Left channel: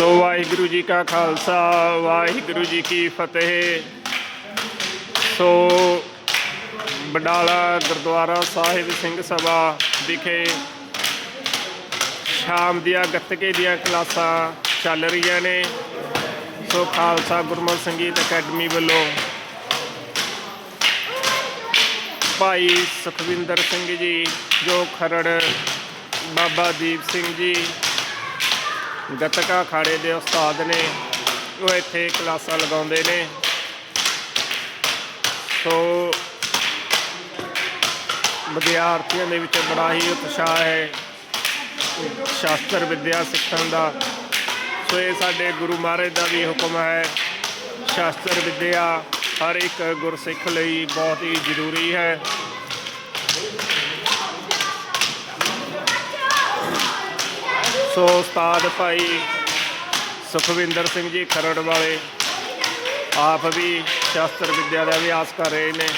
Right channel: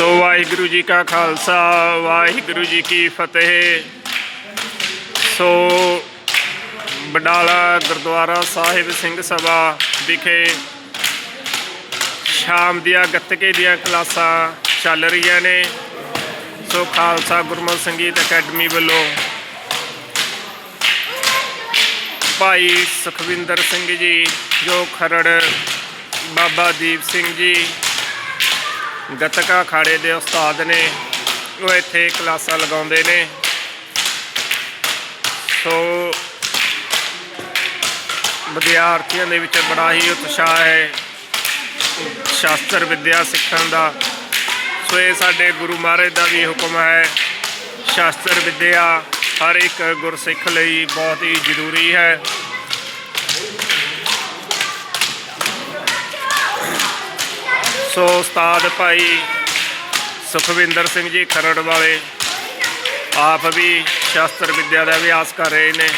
ਸੋ ਵਾਹਿਗੁਰੂ ਜੀ ਕਾ ਖਾਲਸਾ, ਵਾਹਿਗੁਰੂ ਜੀ ਕੀ ਫਤਿਹ। ਸੋ ਬਡਾਲਾ ਗੁਰਦੁਆਰਾ ਸਾਹਿਬ ਸਿੰਘ ਸਭਾ ਵਿਖੇ ਸ਼ਾਮ ਦੀਆਂ ਗੱਤਕੇ ਦੀਆਂ ਕਲਾਸਾਂ ਚੱਲ ਰਹੀਆਂ ਨੇ। ਸੋ ਖਾਲਸਾ ਗੁਰਮਤਿ ਸੰਗੀਤ ਅਕੈਡਮੀ ਵੱਲੋਂ ਭਾਈ ਸੁਖਵਿੰਦਰ ਸਿੰਘ ਜੀ, ਜੋ ਖਰੜ ਬਾਬਾ ਦੀਪ ਸਿੰਘ ਜੀ ਗੱਤਕਾ ਅਖਾੜੇ ਦੇ ਉਸਤਾਦ ਨੇ, ਉਹ ਇੱਥੇ ਕਲਾਸਾਂ ਲਗਾਉਂਦੇ ਨੇ। ਸੋ ਵਿਦਿਆਰਥੀਆਂ ਦੇ ਵਿੱਚ ਬੜਾ ਹੀ ਉਤਸ਼ਾਹ ਹੈ ਸ਼ਾਸਤਰ ਵਿਦਿਆ ਸਿੱਖਣ ਦਾ। ਸੋ ਇਹ ਸਾਡੇ ਗੁਰੂ ਮਹਾਰਾਜ ਦਾ ਵੀ ਹੁਕਮ ਹੈ, ਸ਼ਾਸਤਰ ਵਿਦਿਆ ਹਰ ਇੱਕ ਗੁਰਸਿੱਖ ਲਈ ਬਹੁਤ ਹੀ ਜ਼ਰੂਰੀ ਹੈ। ਸੋ ਉਸਤਾਦ ਭਾਈ ਸੁਖਵਿੰਦਰ ਸਿੰਘ ਜੀ ਖਰੜ ਵਾਲੇ, ਆਪ ਵੀ ਸ਼ਾਸਤਰ ਵਿੱਦਿਆ ਦਾ ਅਭਿਆਸ ਕਰ ਰਹੇ ਨੇ।